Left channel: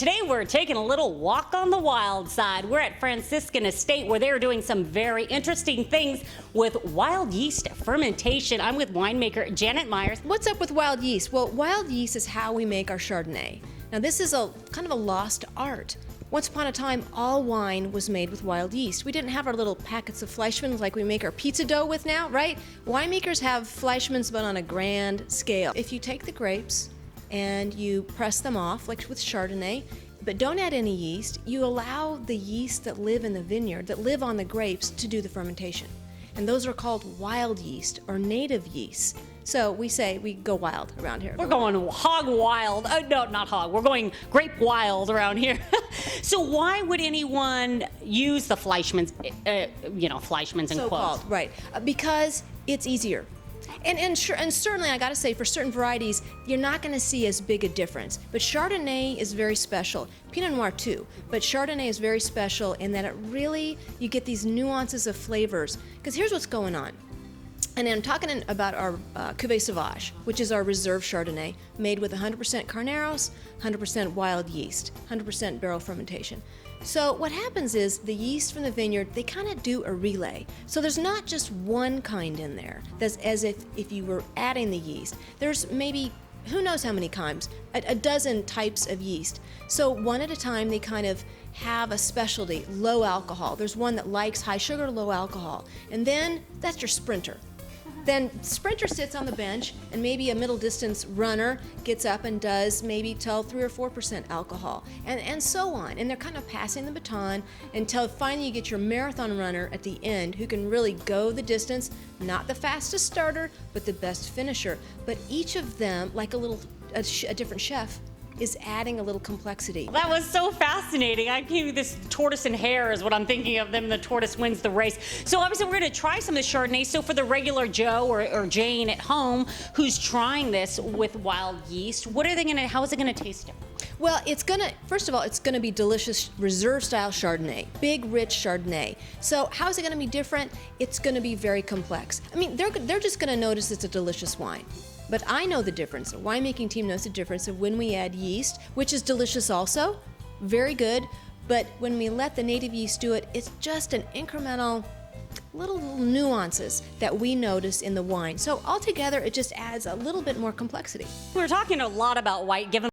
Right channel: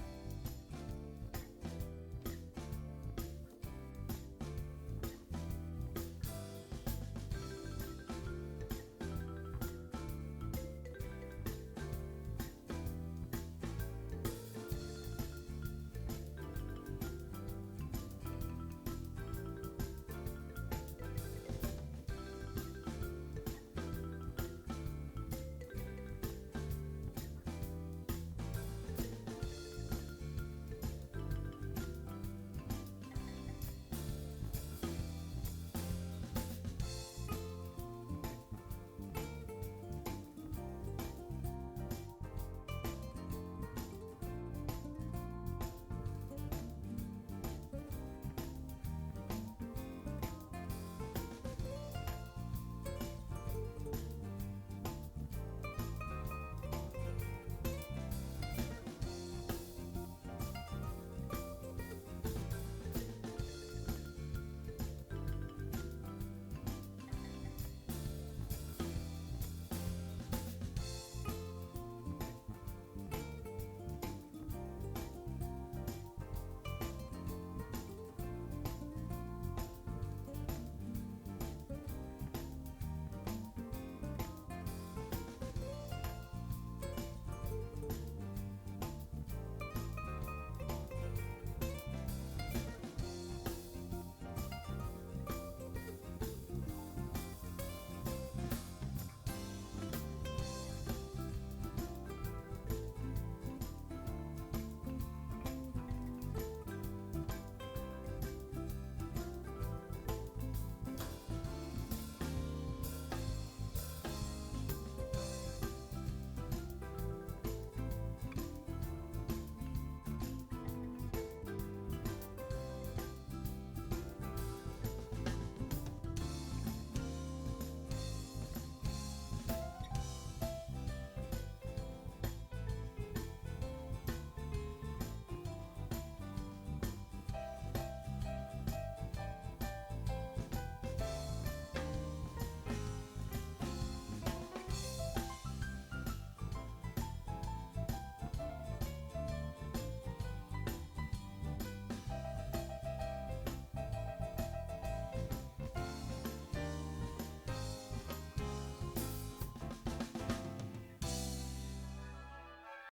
Today we're taking a little walk on the wild side. We're at Franciscan Estate where they're doing some very interesting things with wild yeast fermentation. I'm with winemaker Janet Myers. What's up with wild yeast? Well, wild yeast is how we make our Chardonnay. Now this is a kind of a lost art. Once upon a time, all wine was made with wild yeast. We didn't have our little packets of Fleischmann's like we make our pizza dough with now, right? Winemakers have Fleischmann's but on a grand scale. If you take the grapes and you press them off, like with Chardonnay, but don't add any yeast, you allow the yeast that live in the vineyard, that live on the grapes, to do the fermentation. And those are called wild yeast or native yeast. So we say we go wild around here. We're going hog wild. No, not hog. We're going grape wild around here. So why would anyone use the Fleischmann's, Fleischmann's in So-called, quotes? right? Because it's easier. And certainly, I got to say, for certain varieties, you're not going to see as big a difference. But Chardonnay is very special. Pinot Noir too. But Chardonnay is very special in that you get these nuances of flavors. Because here's what's going on. And I'm talking about our Cuvée Sauvage, which is our reserve Chardonnay, made with 100% Carneros, 100% wild yeast, 100% barrel fermentation. So what happens is the yeast from the vineyard, they kind of do a relay. So there's not just one kind in there. That's as if you were adding the yeast. There's maybe, who knows how many kinds, a dozen types of yeast. So one at a time, they kind of have a specialty, low alcohol. There's one that likes high sugar, low alcohol. And then that's your sprinter. Then sprinter sits on the bench, and maybe a middle distance runner gets up and does maybe till 3 or 4% alcohol, and so on. And they're kind of passing the baton until finally you get your marathon runner at the end who can really go the distance, not the fastest starter, but the best finisher. But each of them, like a different chef, is adding a little complexity. That was so fascinating. I gave this tortoise and hare is what I'm thinking of them. The tortoise wins the race. So obviously we're going to try some of the Chardonnay. So for the regular Joe or Jane at home who's trying this with wild yeast, how is it going to taste different? Well, first of all, it's going to be delicious reserve style Chardonnay, big, rich Chardonnay. So how is it going to be different? It's going to be very complex. I mean, they're just going to notice it's a delicious wine. But I know the difference. The winemaking team knows the difference of when we add yeast, which is delicious also, very good. But when we let the native yeast do it, it's just an incremental little nuances that we notice in the wine. So altogether, it just adds a little bit more complexity. We're talking a lot about white, given